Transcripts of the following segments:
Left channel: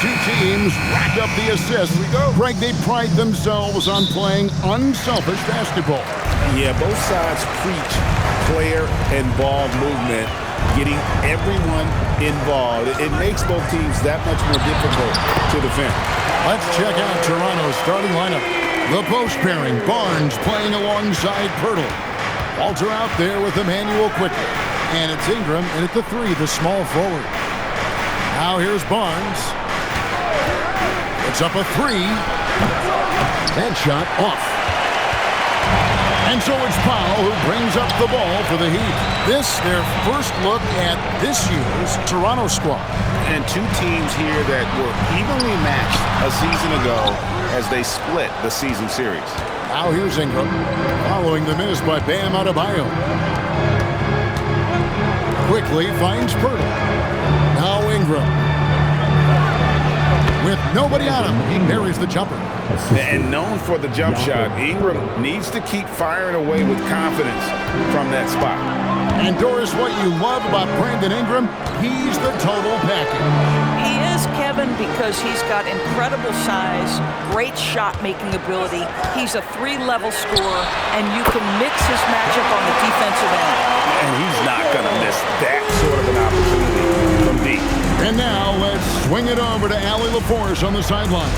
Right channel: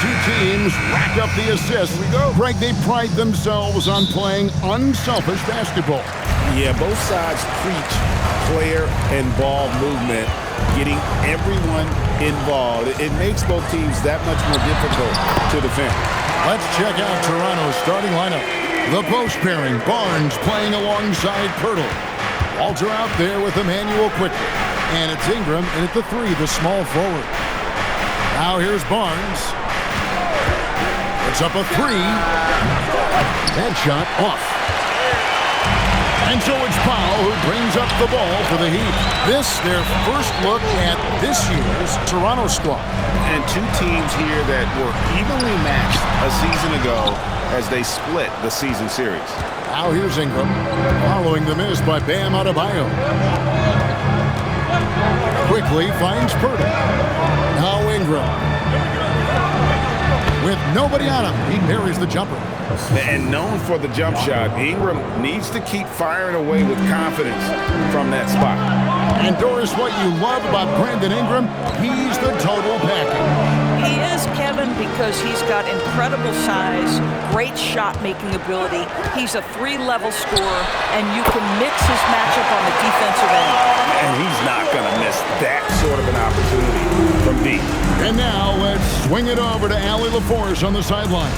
two teams rack up the assists. Greg, they pride themselves on playing unselfish basketball. Yeah, both sides preach player and ball movement, getting everyone involved. It makes both teams that much more difficult to defend. Let's check out Toronto's starting lineup. The post pairing, Barnes playing alongside Pirtle. Walter out there with Emmanuel quickly. And it's Ingram in at the 3, the small forward. Now here's Barnes. Puts up a 3. That shot off. And so it's Powell who brings up the ball for the Heat. This, their first look at this year's Toronto squad. And two teams here that were evenly matched a season ago as they split the season series. Now here's Ingram, following the miss by Bam Adebayo. Quickly finds Pirtle. Now Ingram. With nobody on him, he buries the jumper. And known for the jump shot, Ingram needs to keep firing away with confidence from that spot. And Doris, what you love about Brandon Ingram, he's the total package. He is, Kevin, because he's got incredible size, great shot-making ability. He's a 3-level scorer, and you can mix his matchup on the defensive end. And he's not going to miss that sort of an opportunity from deep. And now let's swing it over to Allie LaForce on the sideline.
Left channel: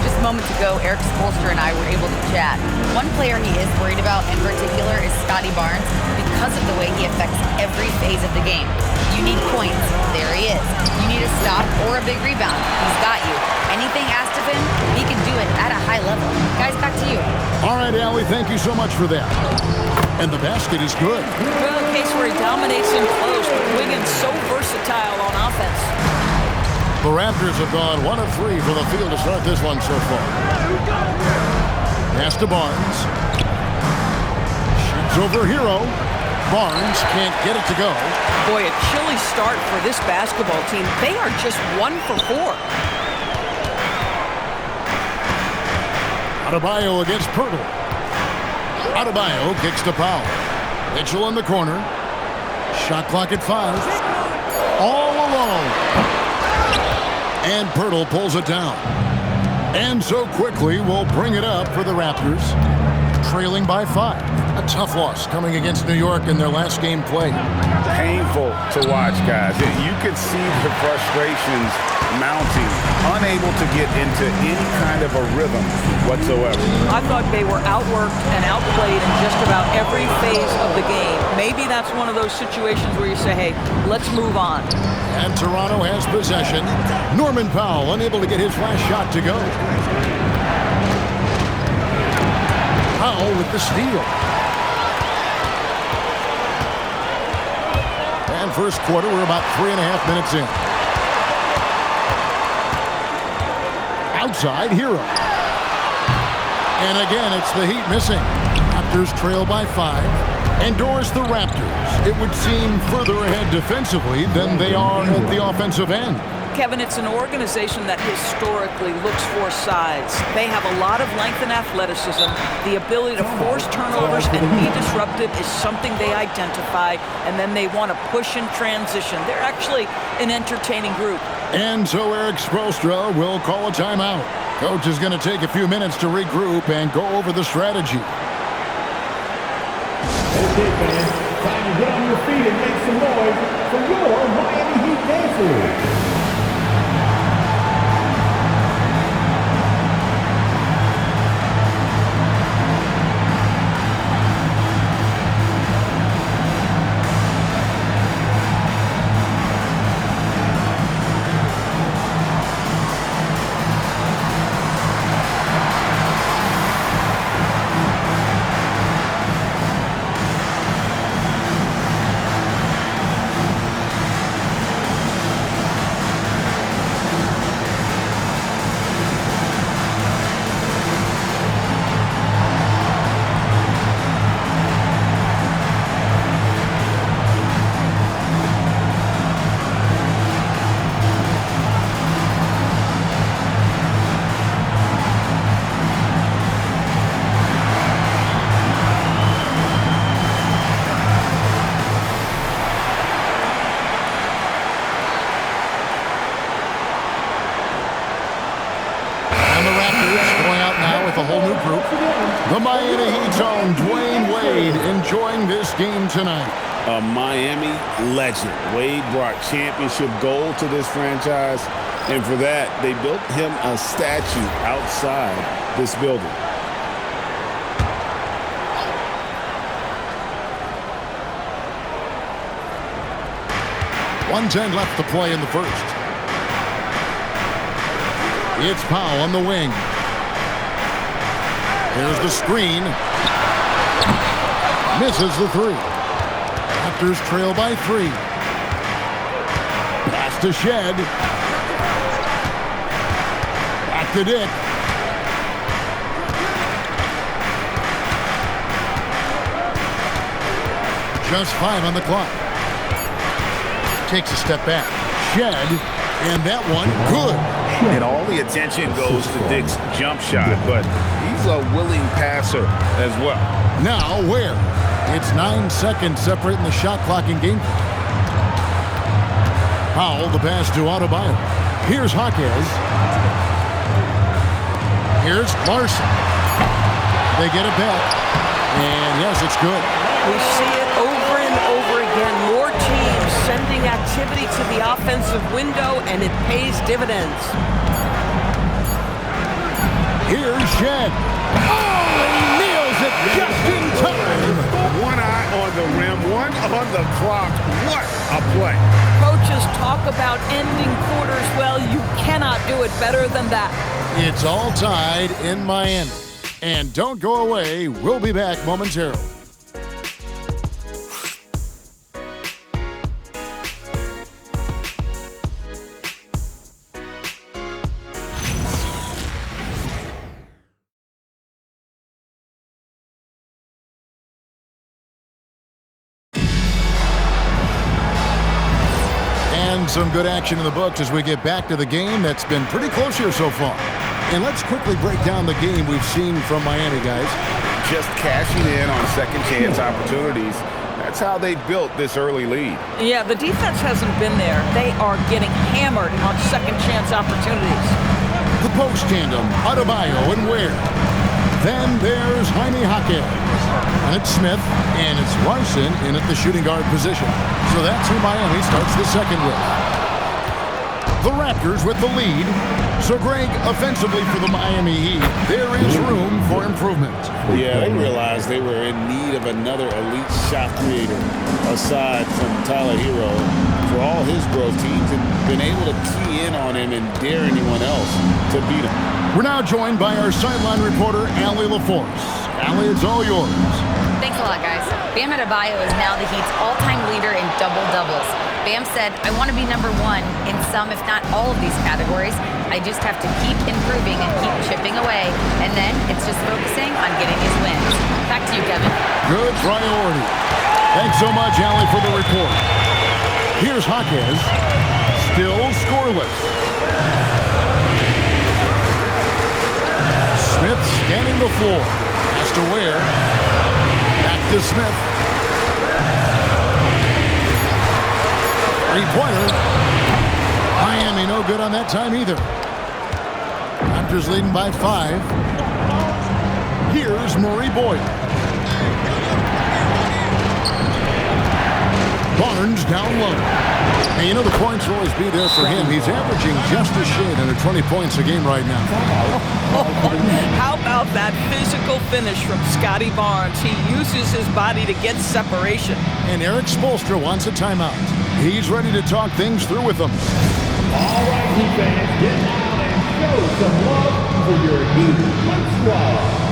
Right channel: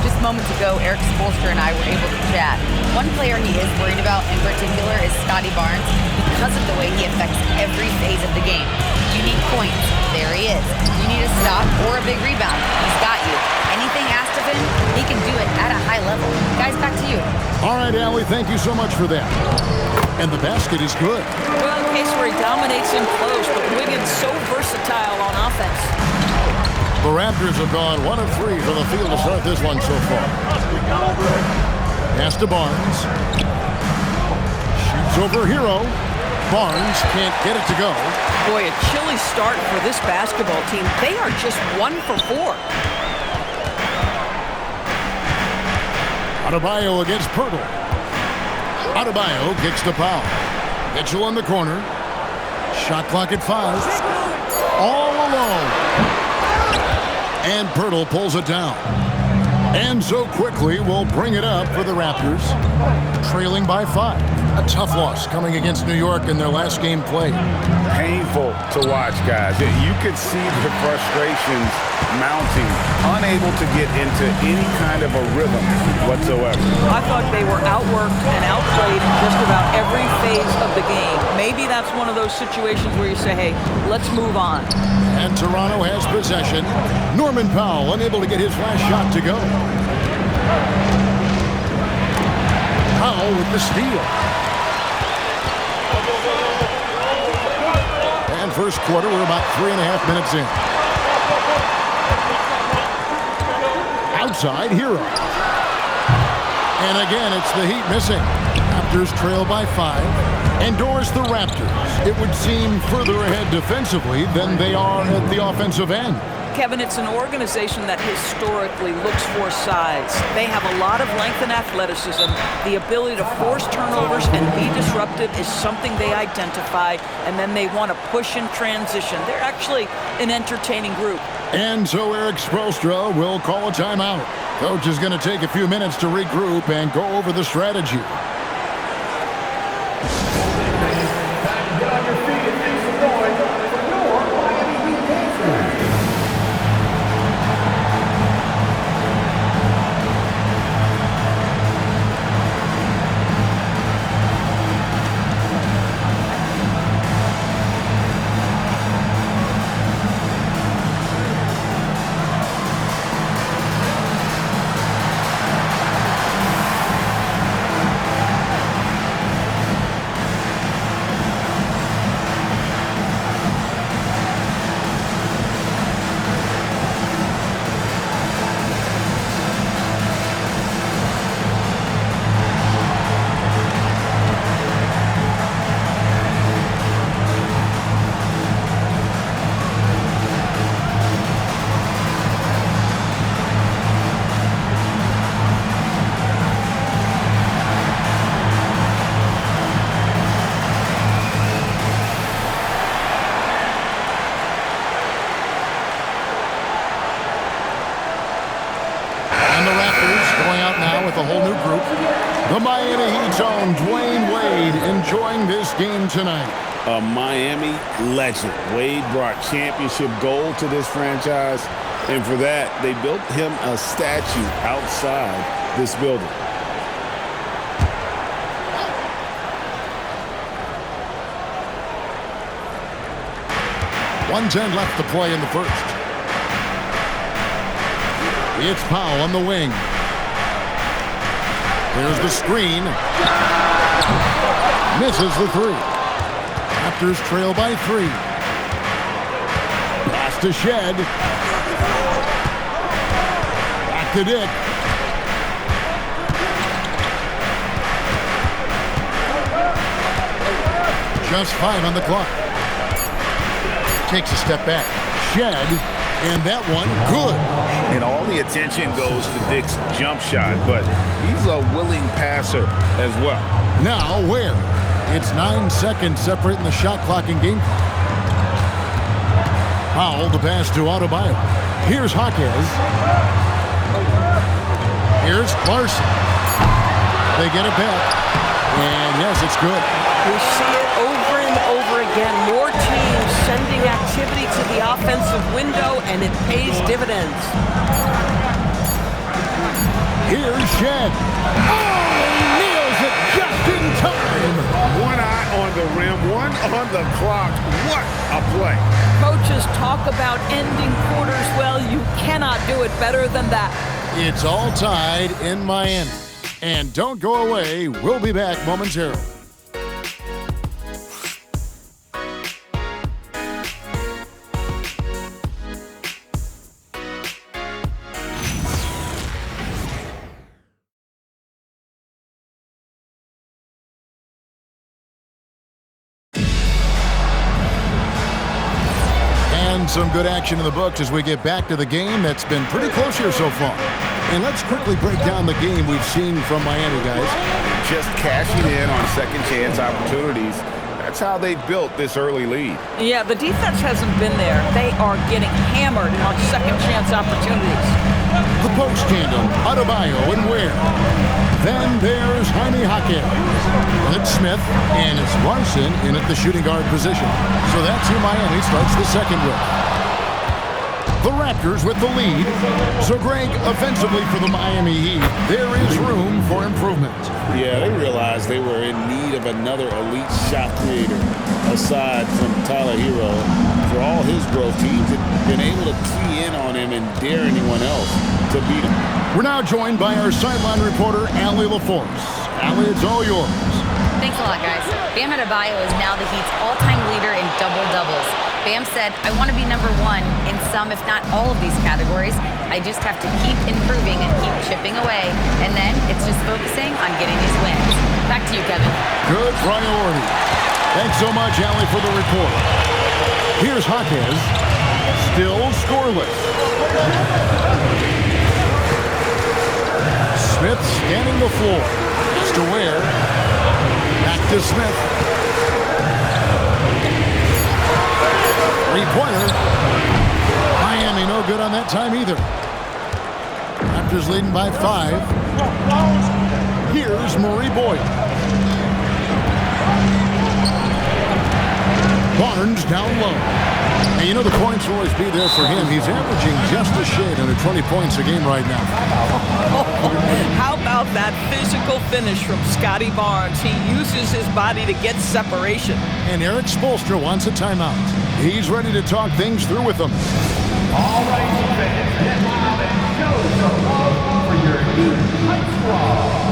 Just moments ago, Eric Spoelstra and I were able to chat. One player he is worried about in particular is Scotty Barnes because of the way he affects every phase of the game. You need points. There he is. You need a stop or a big rebound. He's got you. Anything asked of him, he can do it at a high level. Guys, back to you. All right, Allie, thank you so much for that. And the basket is good. Well, a case where he dominates in close, but Wiggins so versatile on offense. The Raptors have gone 1 of 3 from the field to start this one so far. Pass to Barnes. Shoots over Hero. Barnes can't get it to go. Boy, a chilly start for this basketball team. They are just 1 for 4. Adebayo against Pirtle. Adebayo kicks to Powell. Mitchell in the corner. Shot clock at 5. All alone. And Pirtle pulls it down. And so quickly we'll bring it up for the Raptors. Trailing by 5. A tough loss coming against New York in their last game played. Painful to watch, guys. You could see the frustrations mounting, unable to get into any kind of a rhythm whatsoever. I thought they were outworked and outplayed in just about every phase of the game. Maybe that's one of those situations where you say, hey, let's move on. And Toronto has possession. Norman Powell unable to get his last shot to go. Powell with the steal. And first quarter, we're about 3.5 minutes in. Outside, Hero. And again, it's the Heat missing. Raptors trail by 5. Endorse the Raptors. It would seem further ahead defensively than they are at the offensive end. Kevin, it's an organization that historically looks for size. They have a lot of length and athleticism. The ability to force turnovers and be disruptive is something they identify, and then they want to push in transition. They're actually an entertaining group. And so Eric Spoelstra will call a timeout. Coach is going to take a few minutes to regroup and go over the strategy. That's it, man. Time to get on your feet and make some noise for your Miami Heat Pacers. And the Raptors going out now with a whole new group. The Miami Heat's own Dwayne Wade enjoying this game tonight. A Miami legend. Wade brought championship gold to this franchise, and for that, they built him a statue outside this building. .110 left to play in the first. It's Powell on the wing. There's the screen. Misses the three. Raptors trail by 3. Pass to Shed. Back to Dick. Just 5 on the clock. Takes a step back. Shed. And that one, good. And all the attention goes to Dick's jump shot, but he's a willing passer as well. Now where? It's 9 seconds separating the shot clock and game clock. Powell, the pass to Adebayo. Here's Jaquez. Here's Larson. They get it back. And yes, it's good. We see it over and over again. More teams sending activity to the offensive window, and it pays dividends. Here's Shed. Oh, he nails it just in time. One eye on the rim, one on the clock. What a play. Coaches talk about ending quarters. Well, you cannot do it better than that. It's all tied in Miami. And don't go away. We'll be back momentarily. And some good action in the books as we get back to the game that's been pretty close here so far. And let's quickly break down the game we've seen from Miami, guys. Just cashing in on second chance opportunities. That's how they built this early lead. Yeah, the defense hasn't been there. They are getting hammered on second chance opportunities. The post tandem, Adebayo and Ware. Then there's Jaime Jaquez. And it's Smith, and it's Larson in at the shooting guard position. So that's who Miami starts the second with. The Raptors with the lead. So, Greg, offensively for the Miami Heat, there is room for improvement. Yeah, they realized they were in need of another elite shot creator aside from Tyler Hero. For all his growth, teams had been able to key in on him and dare anyone else to beat him. We're now joined by our sideline reporter, Allie LaForce. Allie, it's all yours. Thanks a lot, guys. Bam Adebayo is now the Heat's all-time leader in double-doubles. Bam said, I want to be number one in some, if not all of these categories. I just have to keep improving and keep chipping away. And then it's just focusing on getting these wins. Back to you, Kevin. Good priority. Thanks so much, Allie, for the report. Here's Jaquez. Still scoreless. Smith scanning the floor. Pass to Ware. Back to Smith. Three-pointer. Miami no good on that time either. Raptors leading by 5. Here's Murray Boyle. Barnes down low. And you know the points will always be there for him. He's averaging just a shade under 20 points a game right now. How about that physical finish from Scotty Barnes? He uses his body to get separation. And Eric Spoelstra wants a timeout. He's ready to talk things through with them. All right, Heat fans, get loud and show some love for your Heat Hype Squad.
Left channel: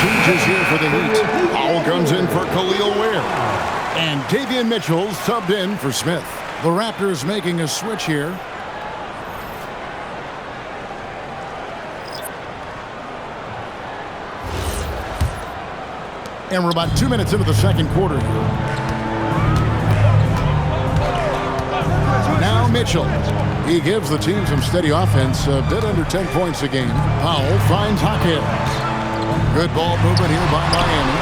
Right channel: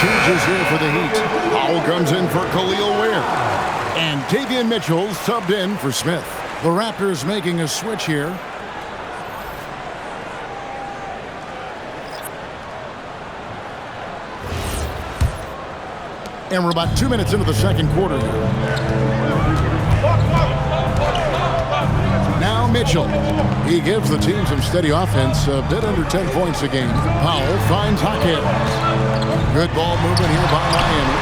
changes here for the Heat. Powell comes in for Khalil Ware. And Davion Mitchell subbed in for Smith. The Raptors making a switch here. And we're about 2 minutes into the second quarter here. Now Mitchell. He gives the team some steady offense, a bit under 10 points a game. Powell finds Hawkins. Good ball movement here by Miami.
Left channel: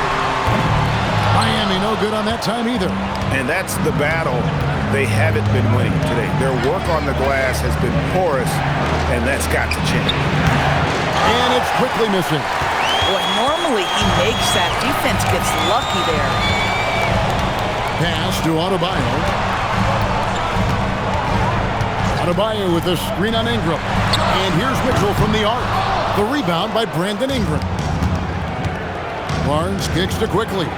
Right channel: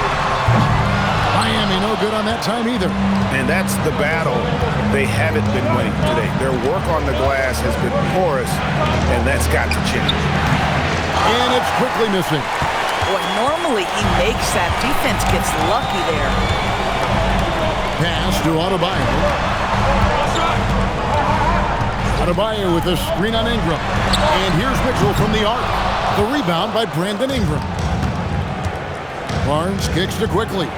Miami no good on that time either. And that's the battle they haven't been winning today. Their work on the glass has been porous, and that's got to change. And it's quickly missing. Boy, normally he makes that. Defense gets lucky there. Pass to Adebayo. Adebayo with a screen on Ingram. And here's Mitchell from the arc. The rebound by Brandon Ingram. Barnes kicks to quickly.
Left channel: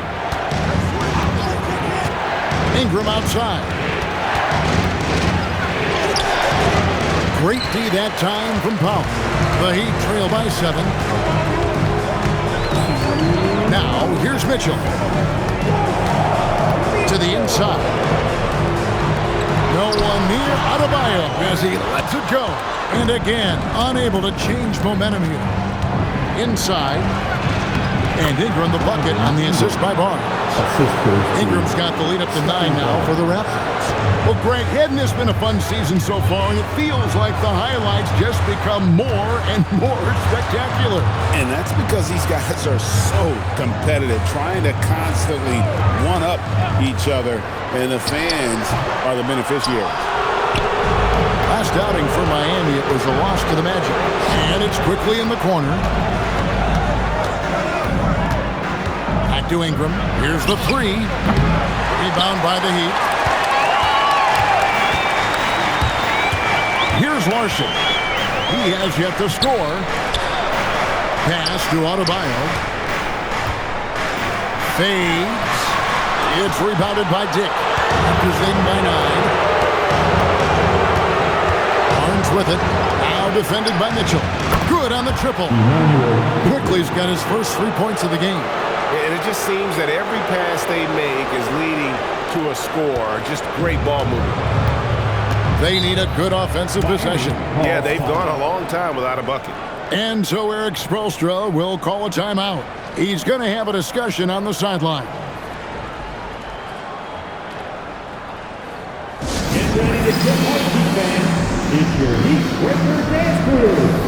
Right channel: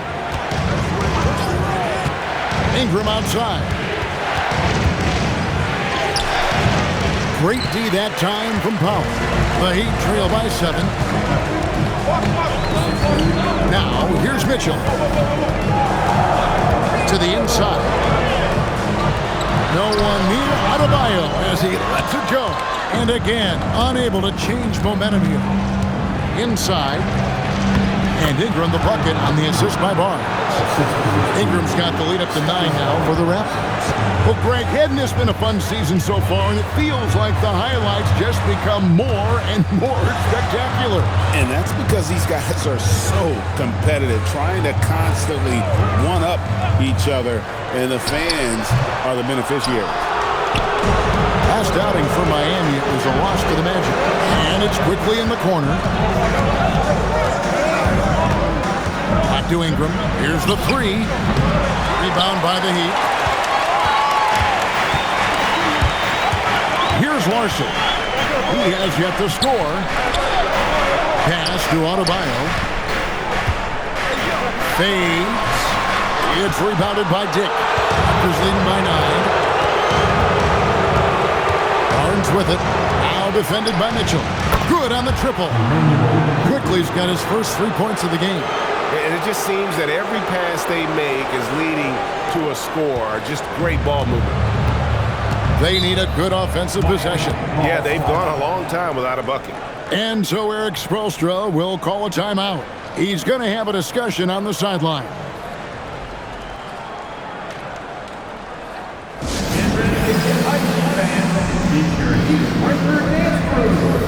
Ingram outside. Great D that time from Powell. The Heat trail by 7. Now, here's Mitchell. To the inside. No one near Adebayo as he lets it go. And again, unable to change momentum here. Inside. And Ingram the bucket on the assist by Barnes. Ingram's got the lead up to 9 now for the Raptors. Well, Greg, hadn't this been a fun season so far? And it feels like the highlights just become more and more spectacular. And that's because these guys are so competitive, trying to constantly one-up each other, and the fans are the beneficiaries. Last outing for Miami, it was a loss to the Magic. And it's quickly in the corner. Back to Ingram. Here's the 3. Rebound by the Heat. Here's Larson. He has yet to score. Pass to Adebayo. Fades. It's rebounded by Dick. Raptors leading by 9. Barnes with it. Now defended by Mitchell. Good on the triple. Quickly's got his first 3 points of the game. And it just seems that every pass they make is leading to a score. Just great ball movement. They need a good offensive possession. Yeah, they've gone a long time without a bucket. And so Eric Spoelstra will call a timeout. He's going to have a discussion on the sideline. Get ready to get icy, fans. It's your Heat Breaker Dance Crew.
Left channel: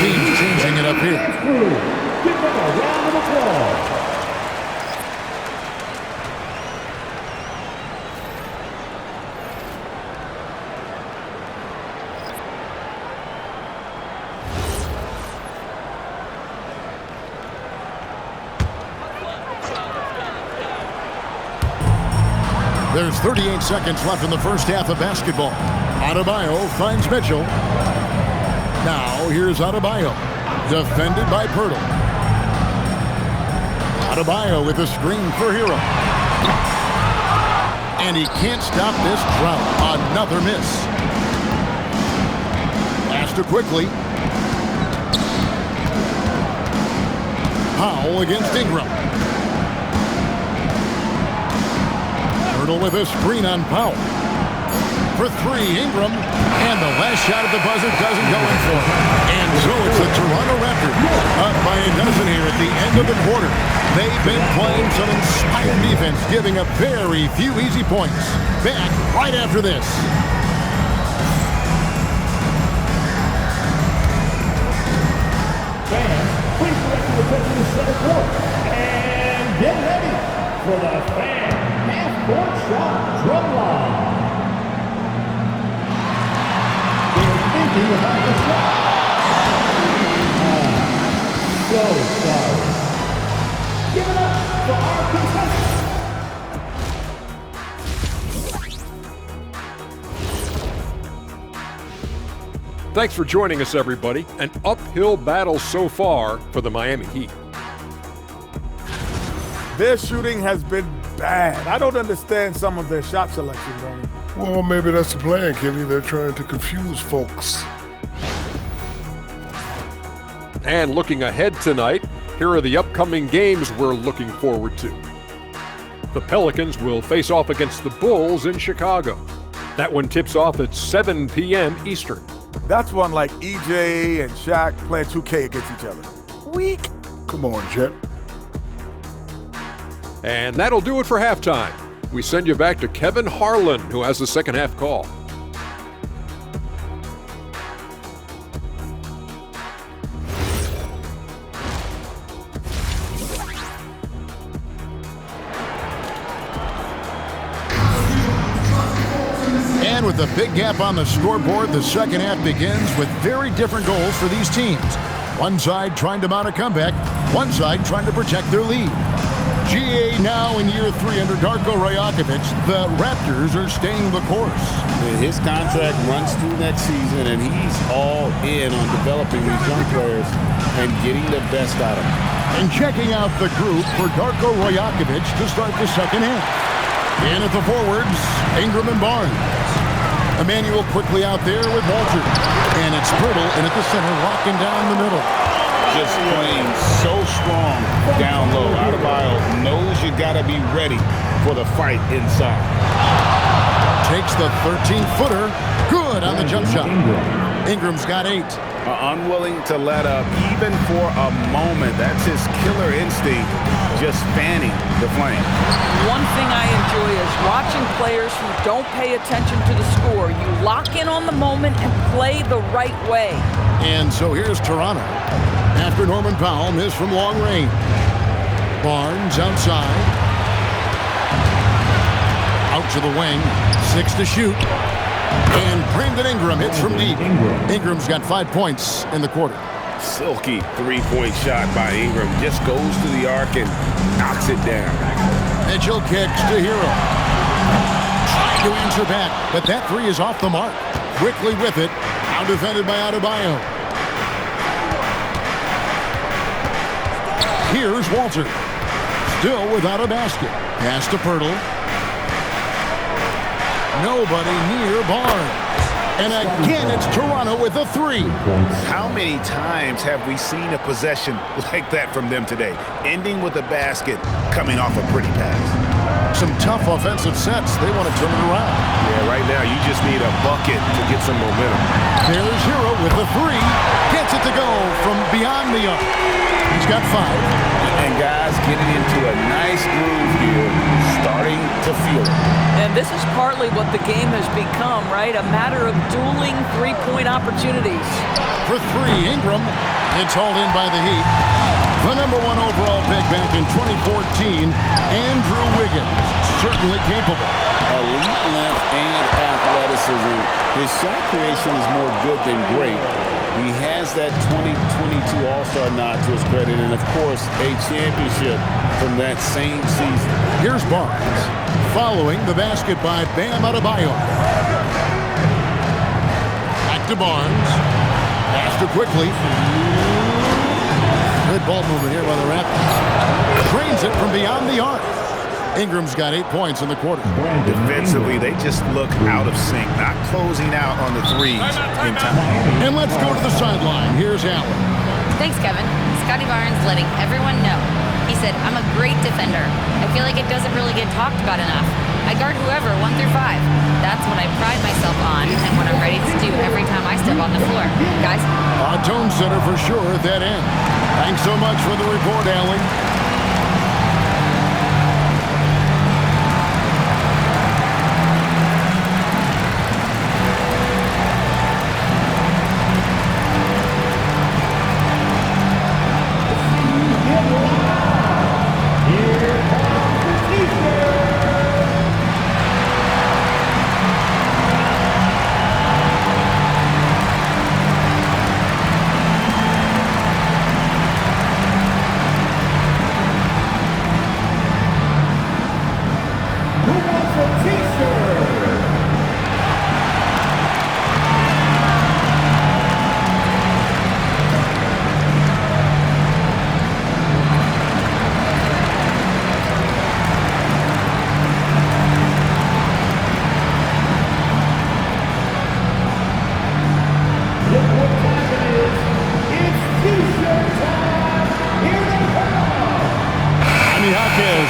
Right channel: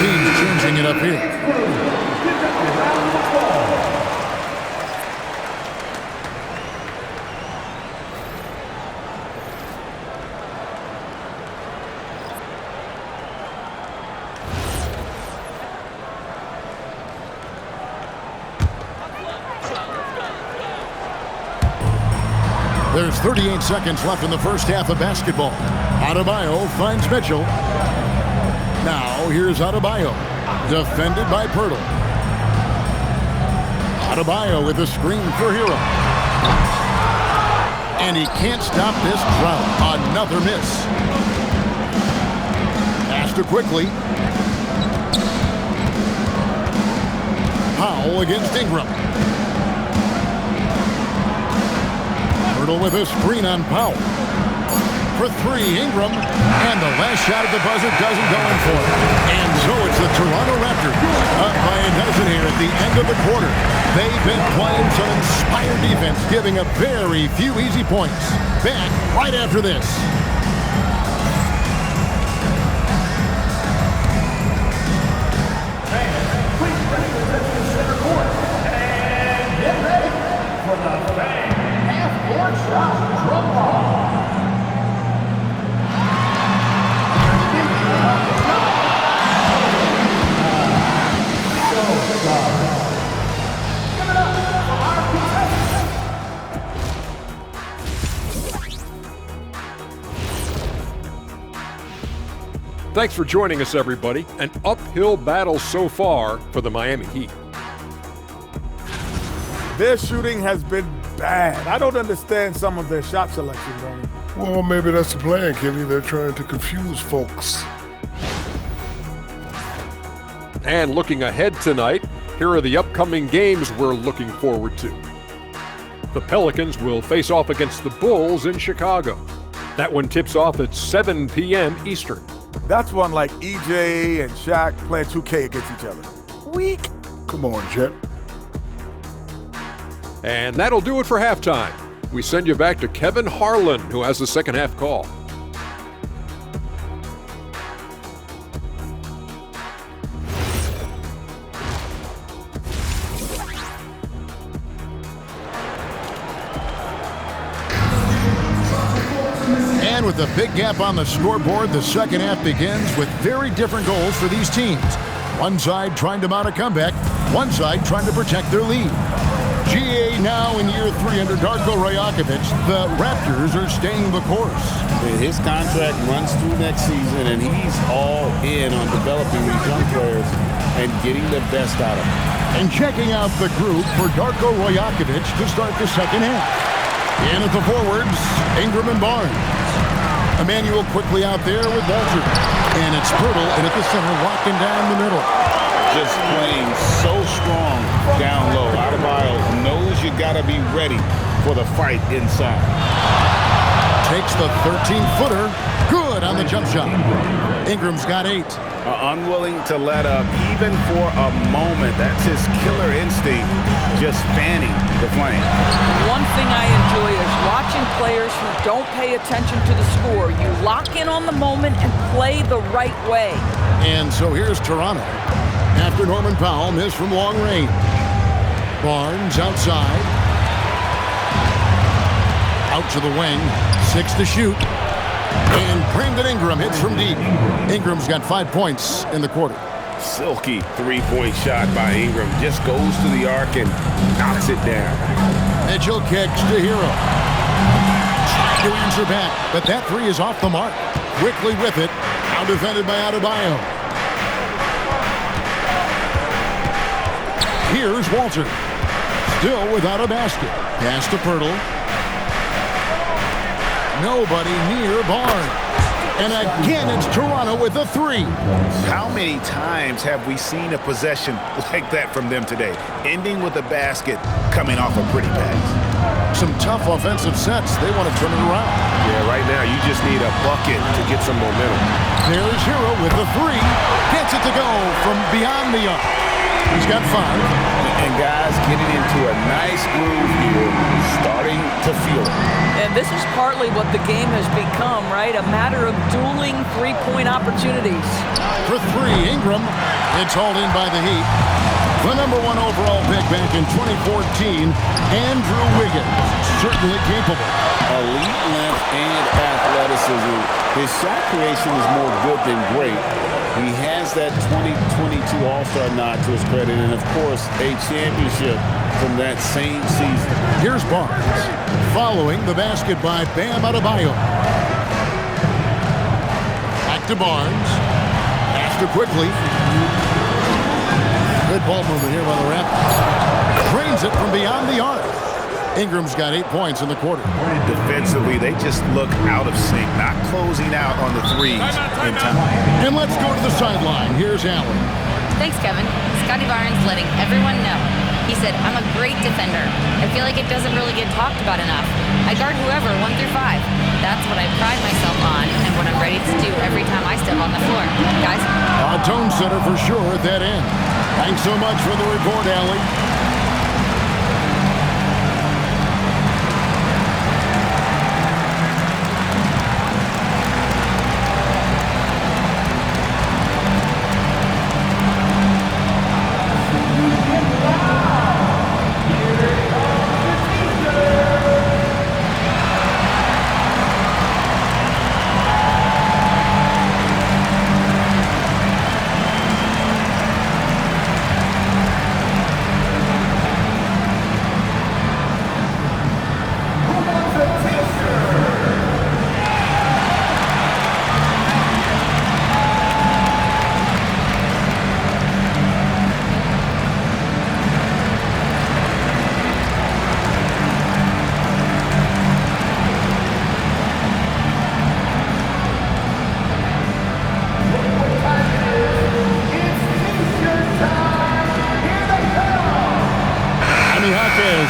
Teams changing it up here. Give them a round of applause. There's 38 seconds left in the first half of basketball. Adebayo finds Mitchell. Now, here's Adebayo, defended by Pirtle. Adebayo with a screen for Hero. And he can't stop this drought. Another miss. Pass to Quickly. Powell against Ingram. Pirtle with a screen on Powell. For three, Ingram. And the last shot at the buzzer doesn't go in for it. And so it's the Toronto Raptors up by a dozen here at the end of the quarter. They've been playing some inspired defense, giving up very few easy points. Back right after this. Fans, please direct your attention to center court. And get ready for the fan half-court shot drum line. They're thinking about the shot. So sorry. Give it up for our contestants. Thanks for joining us, everybody. An uphill battle so far for the Miami Heat. Their shooting has been bad. I don't understand some of their shot selection, Ronnie. Well, maybe that's the plan, Kenny. They're trying to confuse folks. And looking ahead tonight, here are the upcoming games we're looking forward to. The Pelicans will face off against the Bulls in Chicago. That one tips off at 7 p.m. Eastern. That's one like EJ and Shaq playing 2K against each other. Weak. Come on, Jet. And that'll do it for halftime. We send you back to Kevin Harlan, who has the second half call. And with a big gap on the scoreboard, the second half begins with very different goals for these teams. One side trying to mount a comeback, one side trying to protect their lead. GA now in year 3 under Darko Rajakovic. The Raptors are staying the course. His contract runs through next season, and he's all in on developing these young players and getting the best out of them. And checking out the group for Darko Rajakovic to start the second half. In at the forwards, Ingram and Barnes. Emmanuel quickly out there with Walter. And it's Pirtle in at the center, locking down the middle. Just playing so strong down low. Adebayo knows you got to be ready for the fight inside. Takes the 13-footer. Good on the jump shot. Ingram's got 8. Unwilling to let up even for a moment. That's his killer instinct, just fanning the flame. One thing I enjoy is watching players who don't pay attention to the score. You lock in on the moment and play the right way. And so here's Toronto. After Norman Powell missed from long range. Barnes outside. Out to the wing. 6 to shoot. And Brandon Ingram hits from deep. Ingram's got 5 points in the quarter. Silky three-point shot by Ingram. Just goes to the arc and knocks it down. Mitchell kicks to Hero. Trying to answer back, but that three is off the mark. Quickly with it. Now defended by Adebayo. Here's Walter. Still without a basket. Pass to Pirtle. Nobody near Barnes. And again, it's Toronto with a 3. How many times have we seen a possession like that from them today? Ending with a basket, coming off a pretty pass. Some tough offensive sets. They want to turn it around. Yeah, right now you just need a bucket to get some momentum. There's Hero with a 3. Gets it to go from beyond the arc. He's got 5. And guys getting into a nice groove here, starting to feel it. And this is partly what the game has become, right? A matter of dueling three-point opportunities. For 3, Ingram. It's hauled in by the Heat. The #1 overall pick back in 2014, Andrew Wiggins. Certainly capable. Elite length and athleticism. His shot creation is more good than great. He has that 2022 All-Star nod to his credit, and of course, a championship from that same season. Here's Barnes, following the basket by Bam Adebayo. Back to Barnes. After quickly. Good ball movement here by the Raptors. Drains it from beyond the arc. Ingram's got 8 points in the quarter. Defensively, they just look out of sync, not closing out on the threes in time. And let's go to the sideline. Here's Allen. Thanks, Kevin. Scotty Barnes letting everyone know. He said, I'm a great defender. I feel like it doesn't really get talked about enough. I guard whoever, 1 through 5. That's what I pride myself on and what I'm ready to do every time I step on the floor. Guys? A tone setter for sure at that end. Thanks so much for the report, Allie.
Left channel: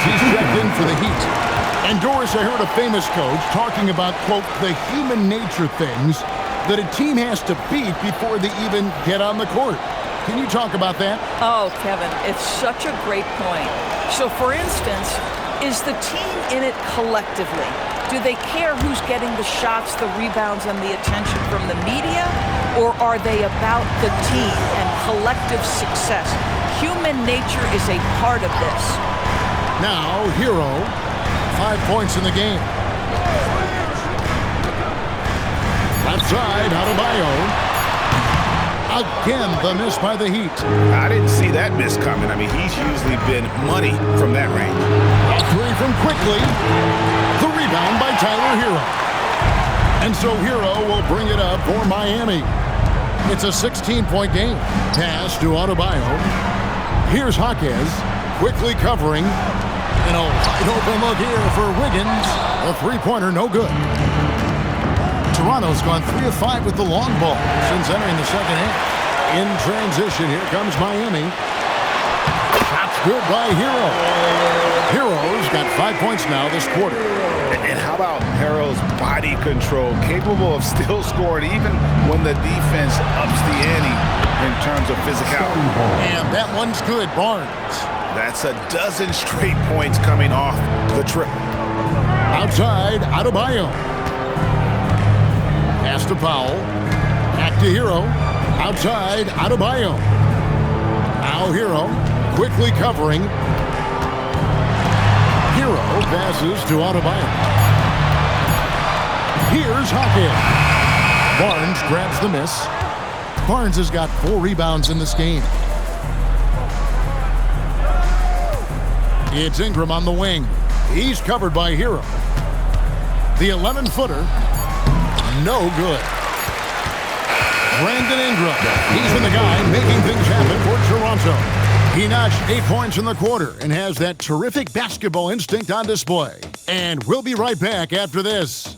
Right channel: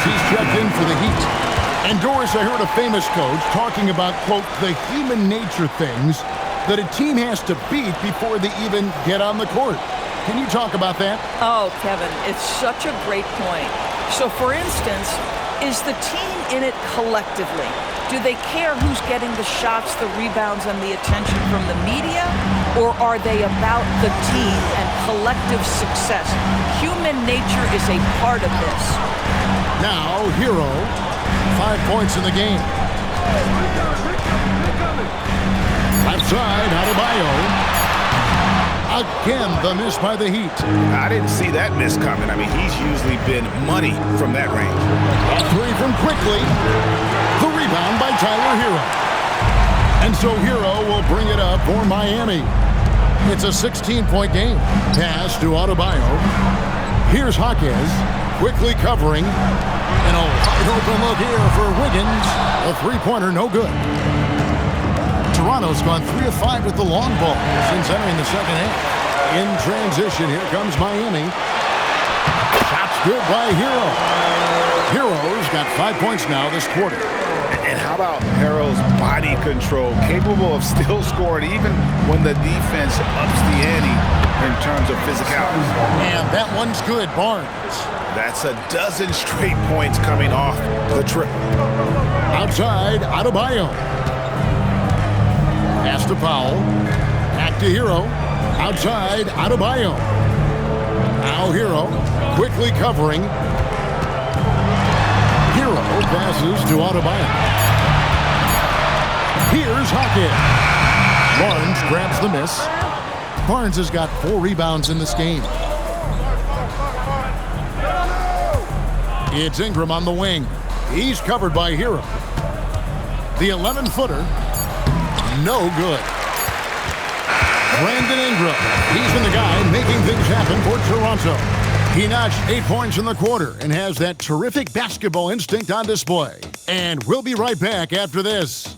He's checked in for the Heat. And Doris, I heard a famous coach talking about, quote, the human nature things that a team has to beat before they even get on the court. Can you talk about that? Oh, Kevin, it's such a great point. So, for instance, is the team in it collectively? Do they care who's getting the shots, the rebounds, and the attention from the media? Or are they about the team and collective success? Human nature is a part of this. Now, Hero, 5 points in the game. Left side, Adebayo. Again, the miss by the Heat. I didn't see that miss coming. I mean, he's usually been money from that range. A three from Quickly. The rebound by Tyler Hero. And so Hero will bring it up for Miami. It's a 16-point game. Pass to Adebayo. Here's Jaquez. Quickly covering, and a wide open look here for Wiggins. A three-pointer, no good. Toronto's gone 3 of 5 with the long ball since entering the second half. In transition, here comes Miami. Shot's good by Hero. Hero's got 5 points now this quarter. And how about Hero's body control, capable of still scoring even when the defense ups the ante in terms of physicality. And that one's good, Barnes. That's a dozen straight points coming off the triple. Outside, Adebayo. Pass to Powell. Back to Hero. Outside, Adebayo. Now Hero quickly covering. Hero passes to Adebayo. Here's Jaquez. Barnes grabs the miss. Barnes has got 4 rebounds in this game. It's Ingram on the wing. He's covered by Hero. The 11-footer, no good. Brandon Ingram, he's been the guy making things happen for Toronto. He notched 8 points in the quarter and has that terrific basketball instinct on display. And we'll be right back after this.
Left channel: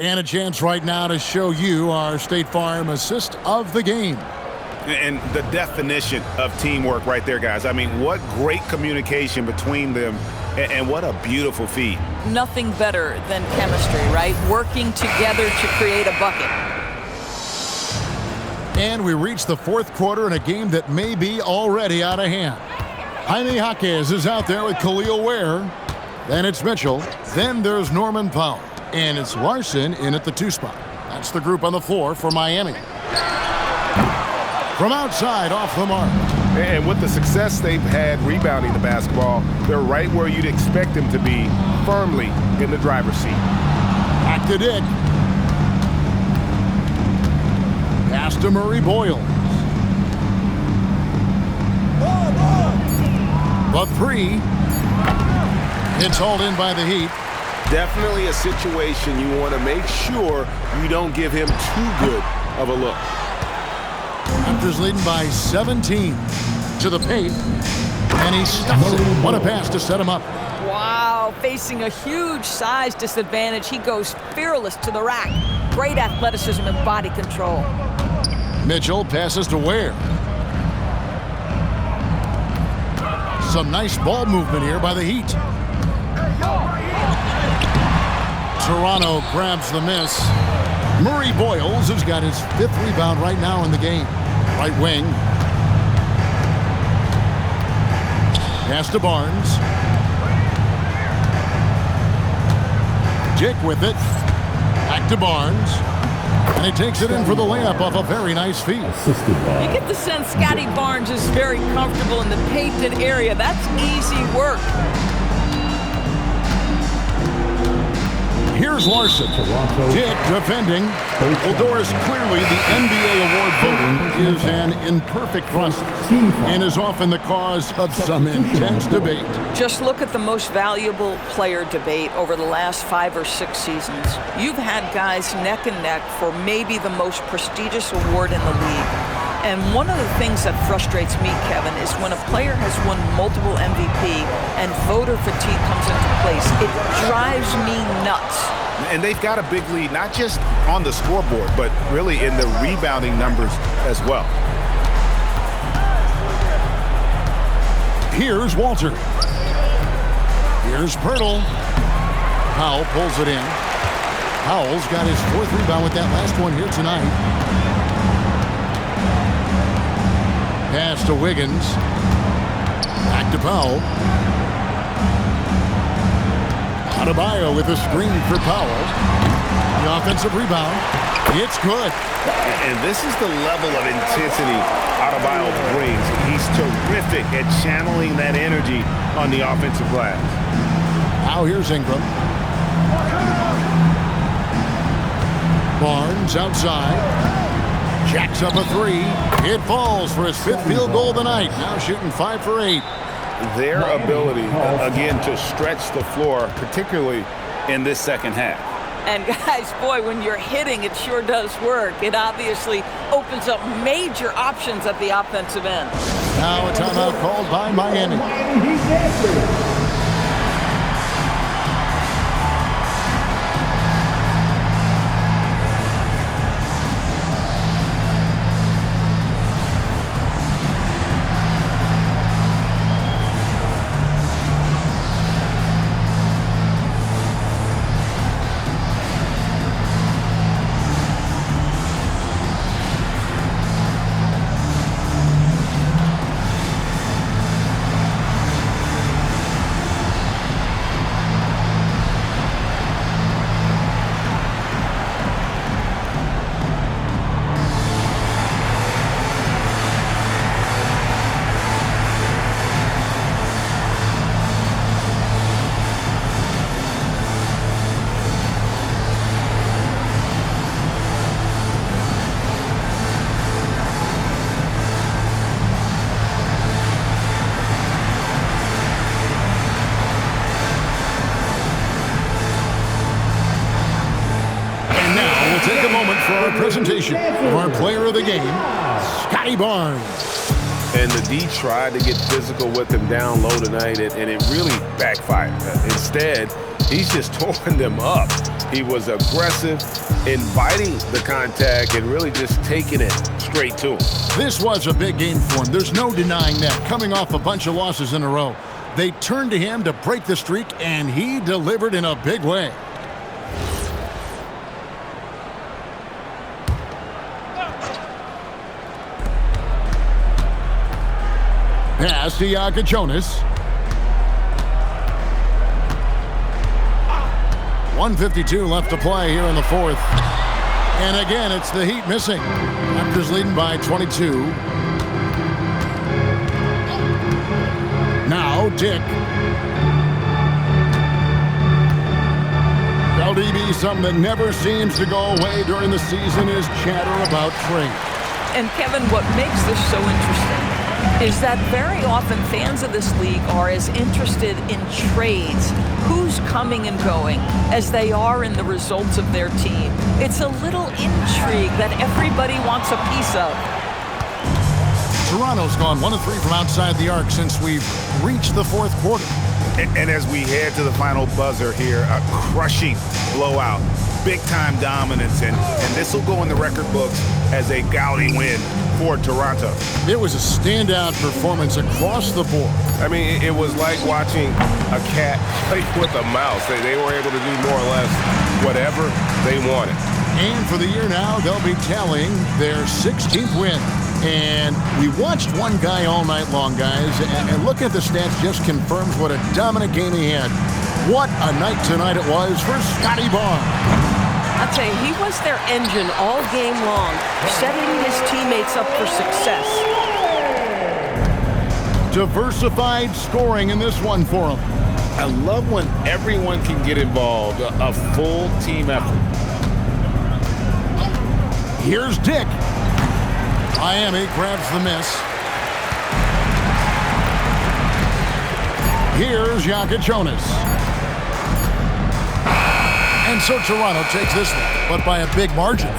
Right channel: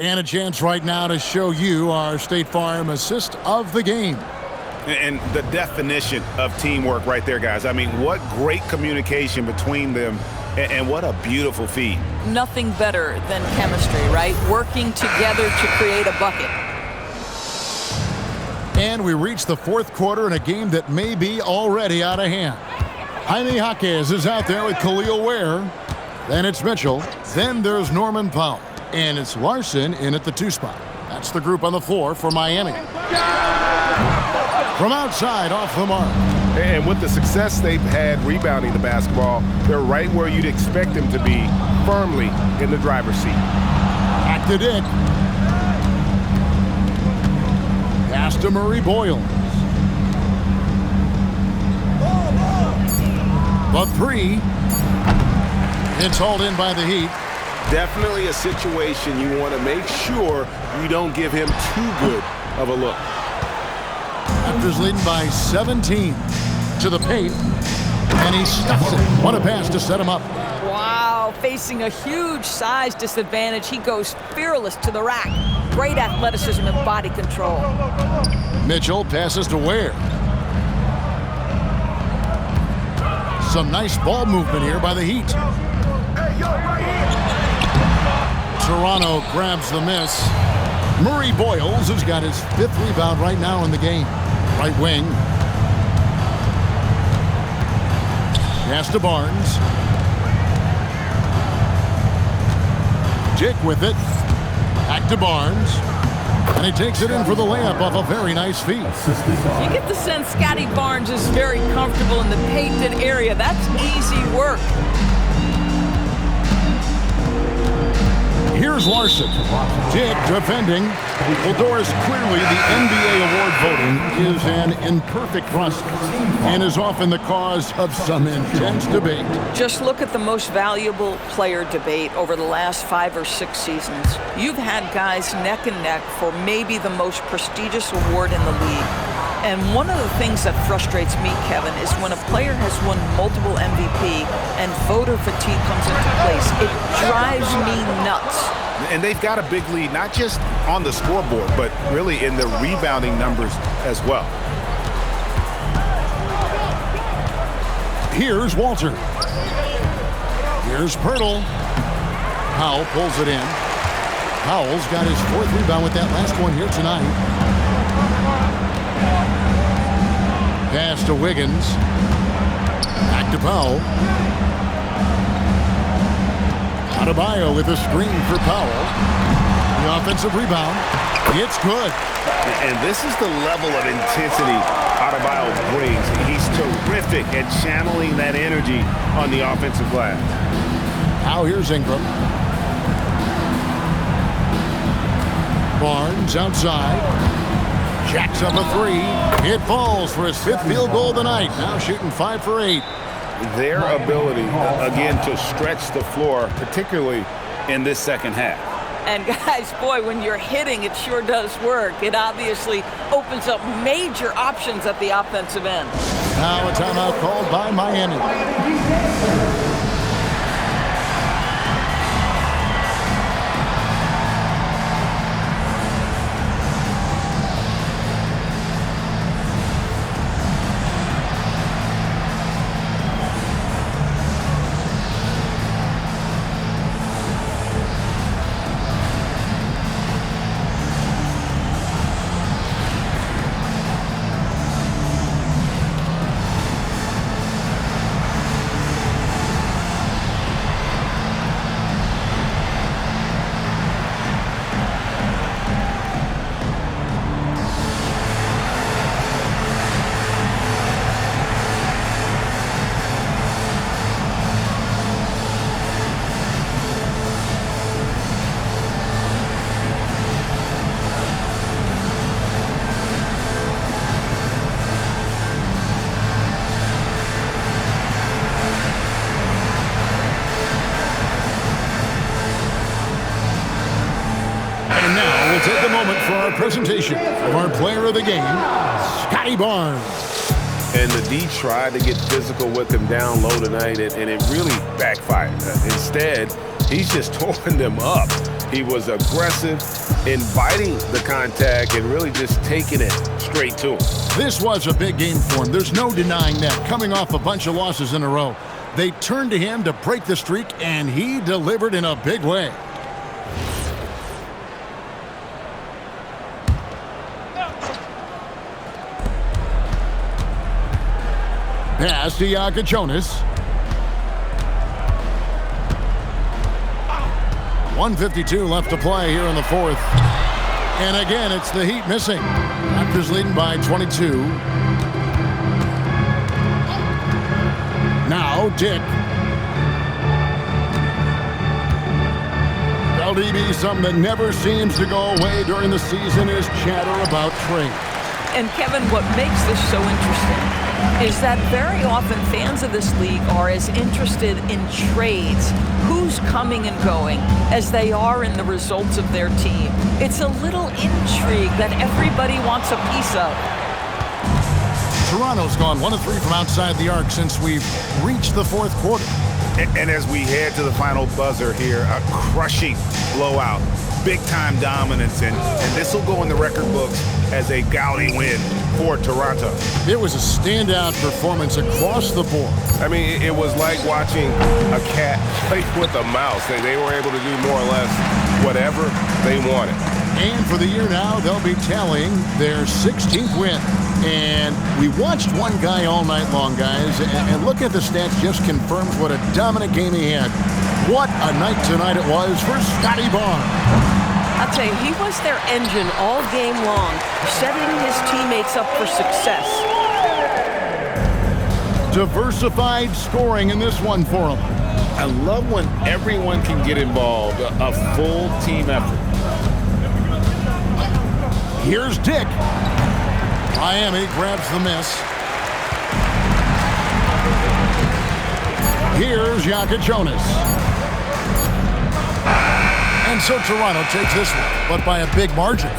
And a chance right now to show you our State Farm assist of the game. And the definition of teamwork right there, guys. I mean, what great communication between them, and what a beautiful feed. Nothing better than chemistry, right? Working together to create a bucket. And we reach the fourth quarter in a game that may be already out of hand. Jaime Jaquez is out there with Khalil Ware. Then it's Mitchell. Then there's Norman Powell. And it's Larson in at the 2 spot. That's the group on the floor for Miami. From outside, off the mark. And with the success they've had rebounding the basketball, they're right where you'd expect them to be, firmly in the driver's seat. Back to Dick. Pass to Murray Boyles. The 3. It's hauled in by the Heat. Definitely a situation you want to make sure you don't give him too good of a look. Raptors leading by 17 to the paint, and he stuffs it. What a pass to set him up. Wow, facing a huge size disadvantage, he goes fearless to the rack. great athleticism and body control. Mitchell passes to Ware. Some nice ball movement here by the Heat. Toronto grabs the miss. Murray Boyles has got his 5th rebound right now in the game. Right wing. Pass to Barnes. Dick with it. Back to Barnes. And he takes it in for the layup off a very nice feed. You get the sense Scotty Barnes is very comfortable in the painted area. That's easy work. Here's Larson. Dick defending. Well, Doris, clearly the NBA award voting is an imperfect process and is often the cause of some intense debate. Just look at the most valuable player debate over the last 5 or 6 seasons. You've had guys neck and neck for maybe the most prestigious award in the league. And one of the things that frustrates me, Kevin, is when a player has won multiple MVP and voter fatigue comes into place. It drives me nuts. And they've got a big lead, not just on the scoreboard, but really in the rebounding numbers as well. Here's Walter. Here's Pirtle. Powell pulls it in. Powell's got his 4th rebound with that last one here tonight. Pass to Wiggins. Back to Powell. Adebayo with a screen for Powell. The offensive rebound. It's good. And this is the level of intensity Adebayo brings. He's terrific at channeling that energy on the offensive glass. Now here's Ingram. Barnes outside. Jacks up a 3. It falls for his 5th field goal of the night. Now shooting 5 for 8. Their ability, again, to stretch the floor, particularly in this second half. And guys, boy, when you're hitting, it sure does work. It obviously opens up major options at the offensive end. Now a timeout called by Miami. And now we'll take a moment for our presentation of our player of the game, Scotty Barnes. And the D tried to get physical with him down low tonight, and it really backfired. Instead, he's just tore them up. He was aggressive, inviting the contact, and really just taking it straight to him. This was a big game for him. There's no denying that. Coming off a bunch of losses in a row, they turned to him to break the streak, and he delivered in a big way. Pass to Jonas. 1:52 left to play here in the 4th. And again, it's the Heat missing. Raptors leading by 22. Now Dick. LDB, something that never seems to go away during the season is chatter about trades. And Kevin, what makes this so interesting is that very often fans of this league are as interested in trades, who's coming and going, as they are in the results of their team. It's a little intrigue that everybody wants a piece of. Toronto's gone 1 of 3 from outside the arc since we've reached the 4th quarter. And as we head to the final buzzer here, a crushing blowout big-time dominance, and this will go in the record books as a gaudy win for Toronto. It was a standout performance across the board. I mean, it was like watching a cat play with a mouse. They were able to do more or less whatever they wanted. And for the year now, they'll be tallying their 16th win. And we watched one guy all night long, guys, and look at the stats just confirms what a dominant game he had. What a night tonight it was for Scotty Barnes. I'll tell you, he was their engine all game long, setting his teammates up for success. Diversified scoring in this one for him. I love when everyone can get involved, a full team effort. Here's Dick. Miami grabs the miss. Here's Jaka Jonas. And so Toronto takes this one, but by a big margin.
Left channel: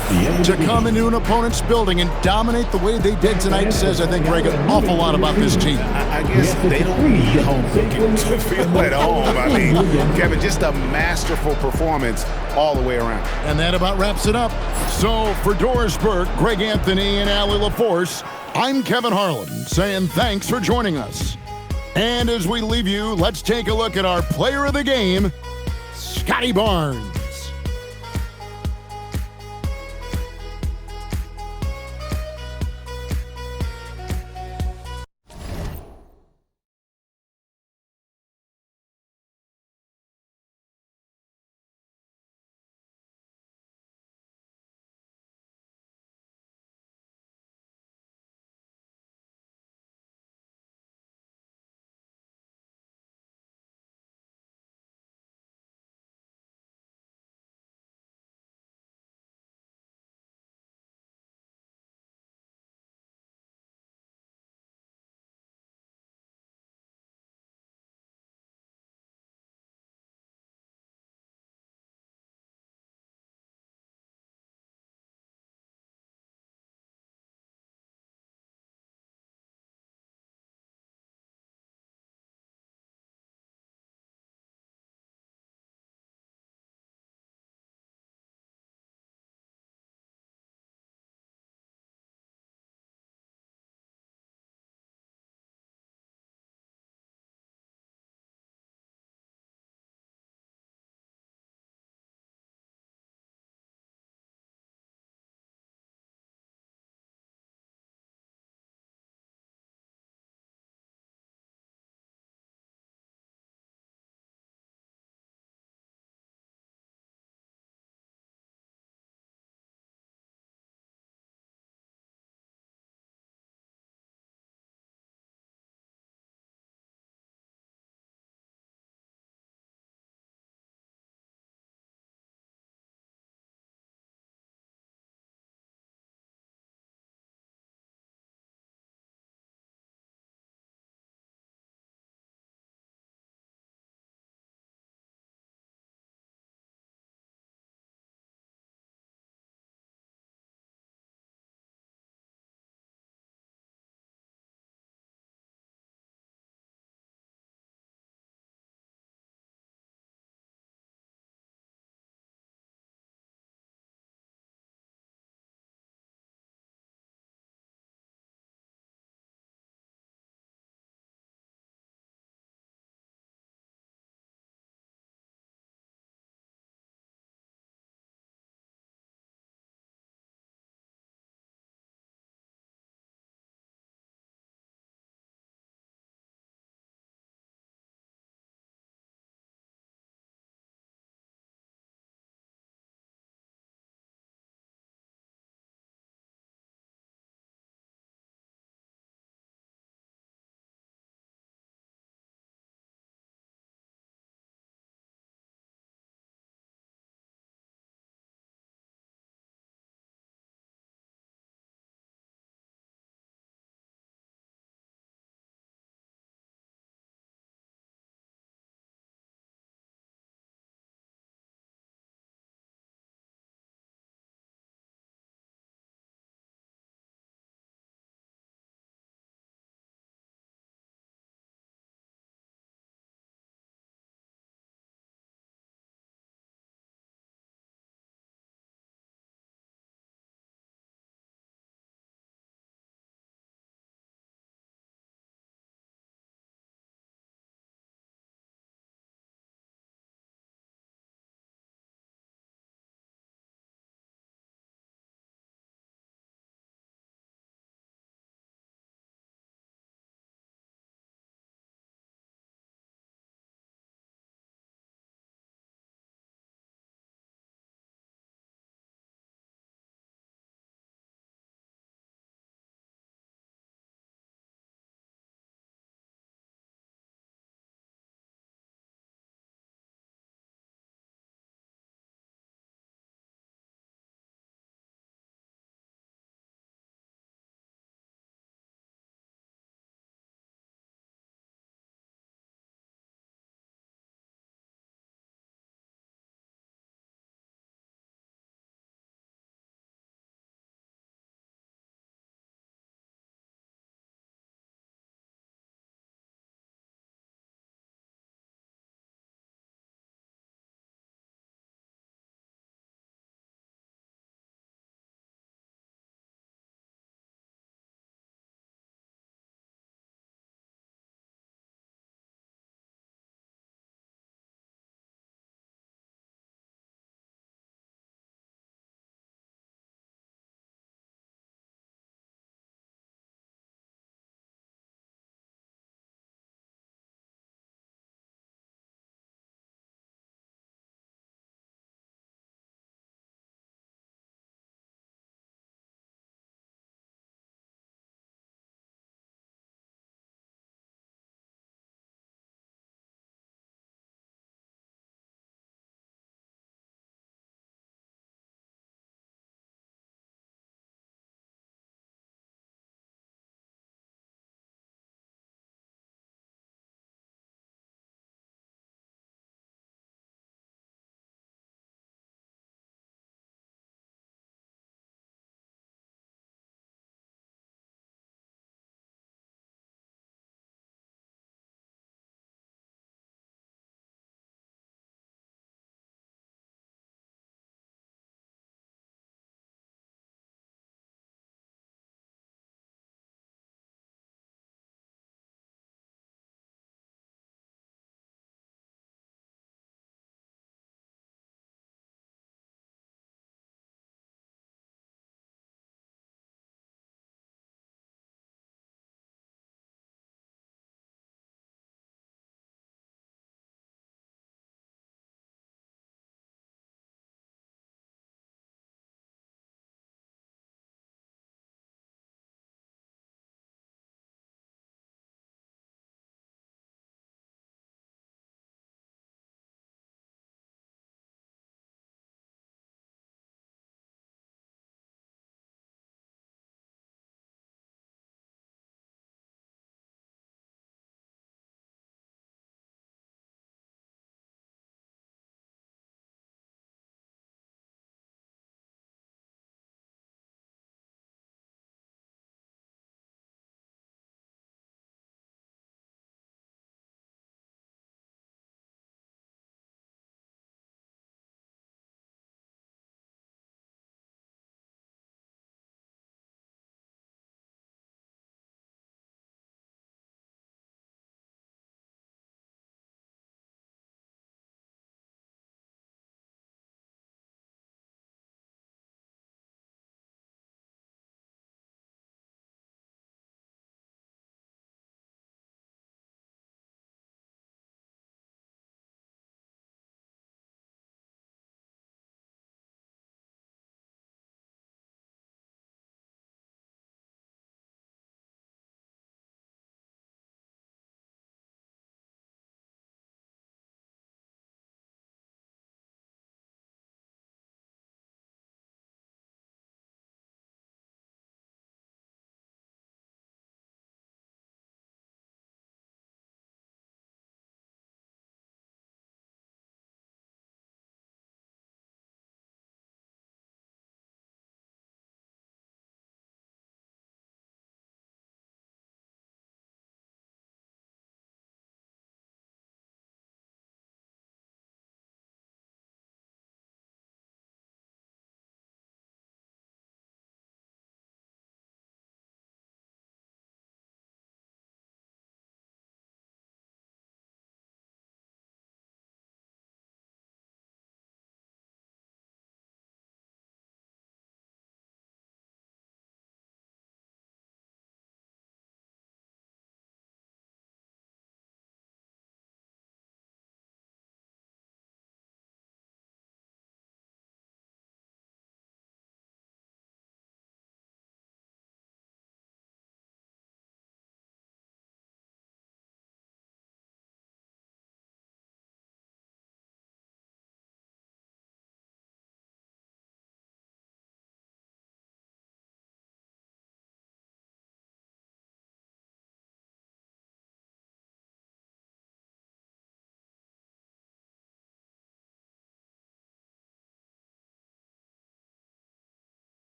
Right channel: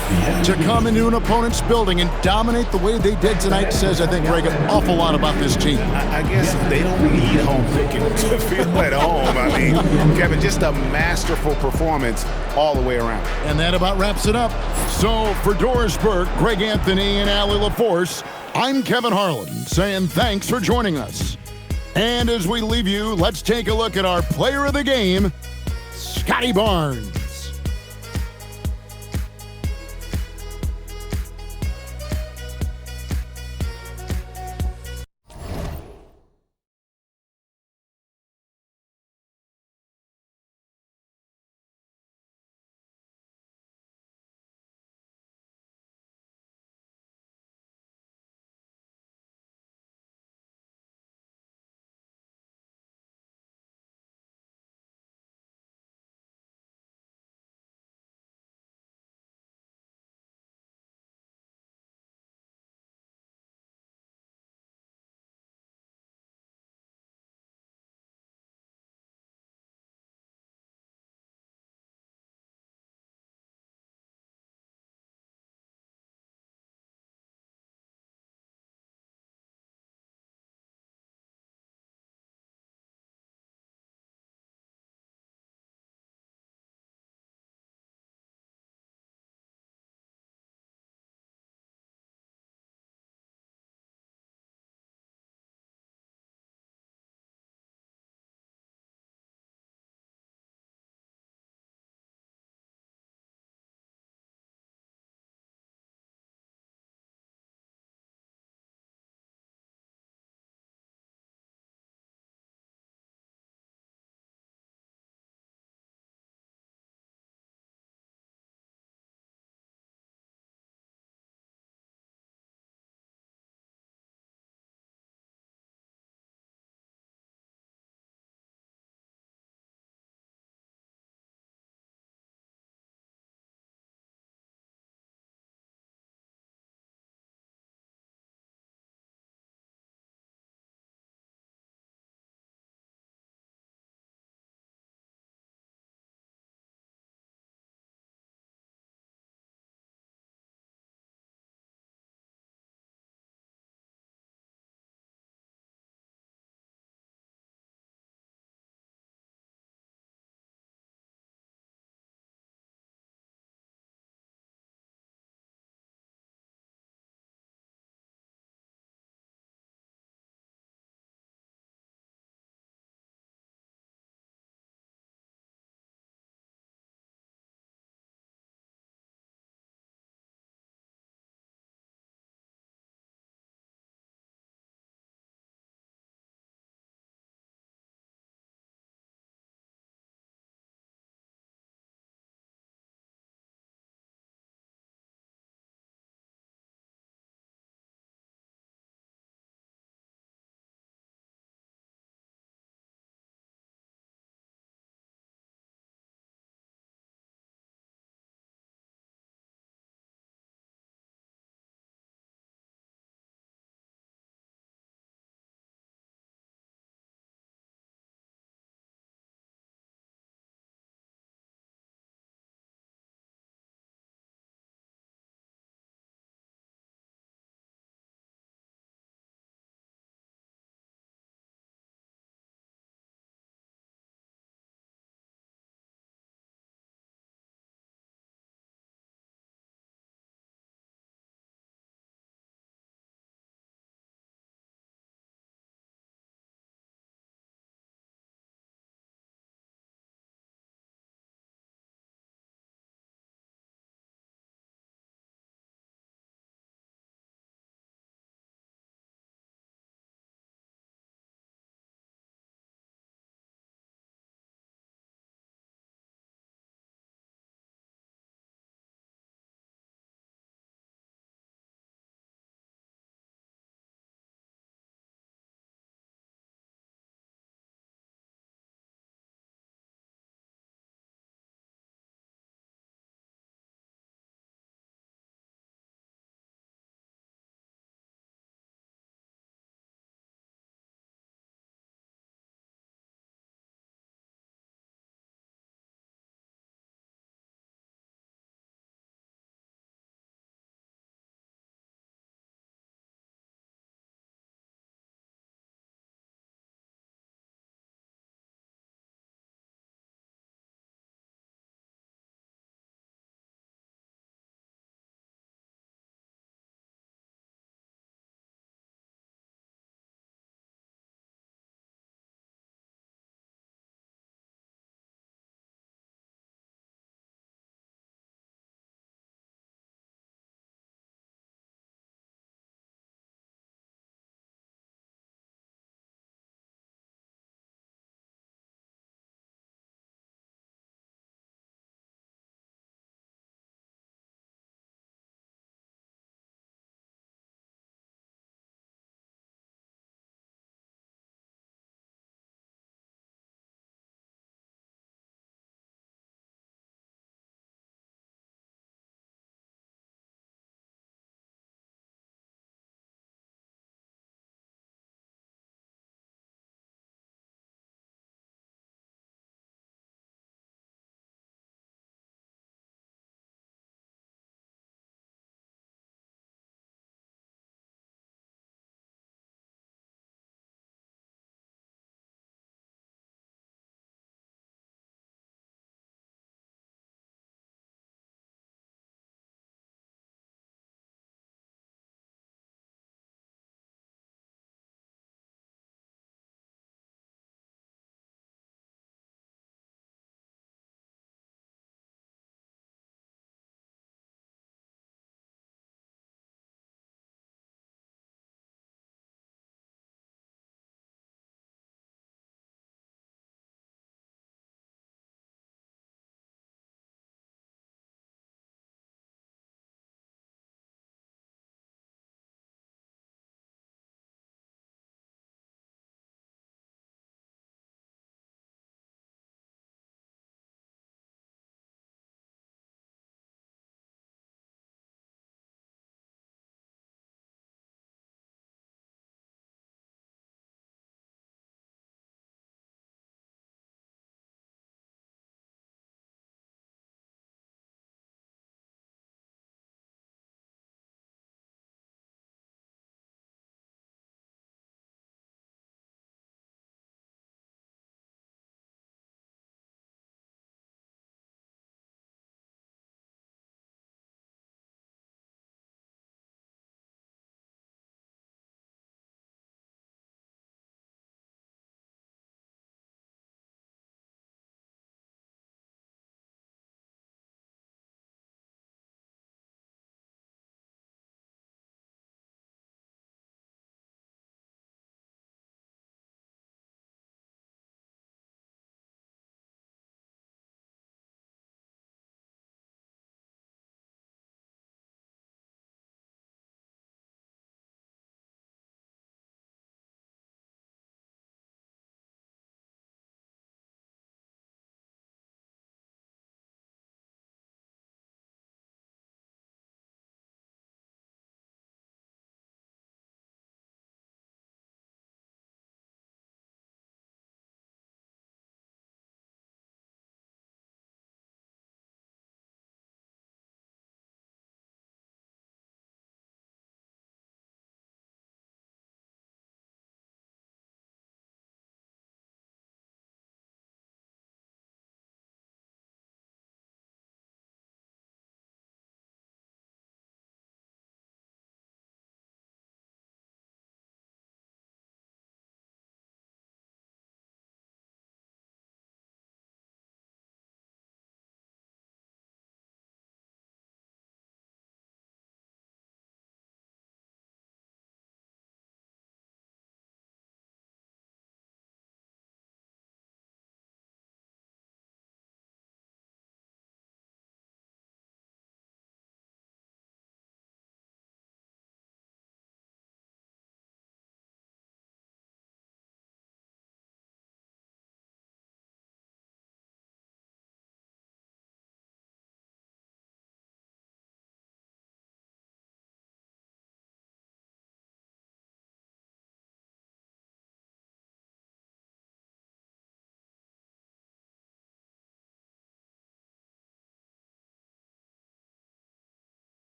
To come into an opponent's building and dominate the way they did tonight says, I think, Greg, an awful lot about this team. I guess they don't need home cooking to feel at home. I mean, Kevin, just a masterful performance all the way around. And that about wraps it up. So for Doris Burke, Greg Anthony, and Allie LaForce, I'm Kevin Harlan saying thanks for joining us. And as we leave you, let's take a look at our player of the game, Scotty Barnes.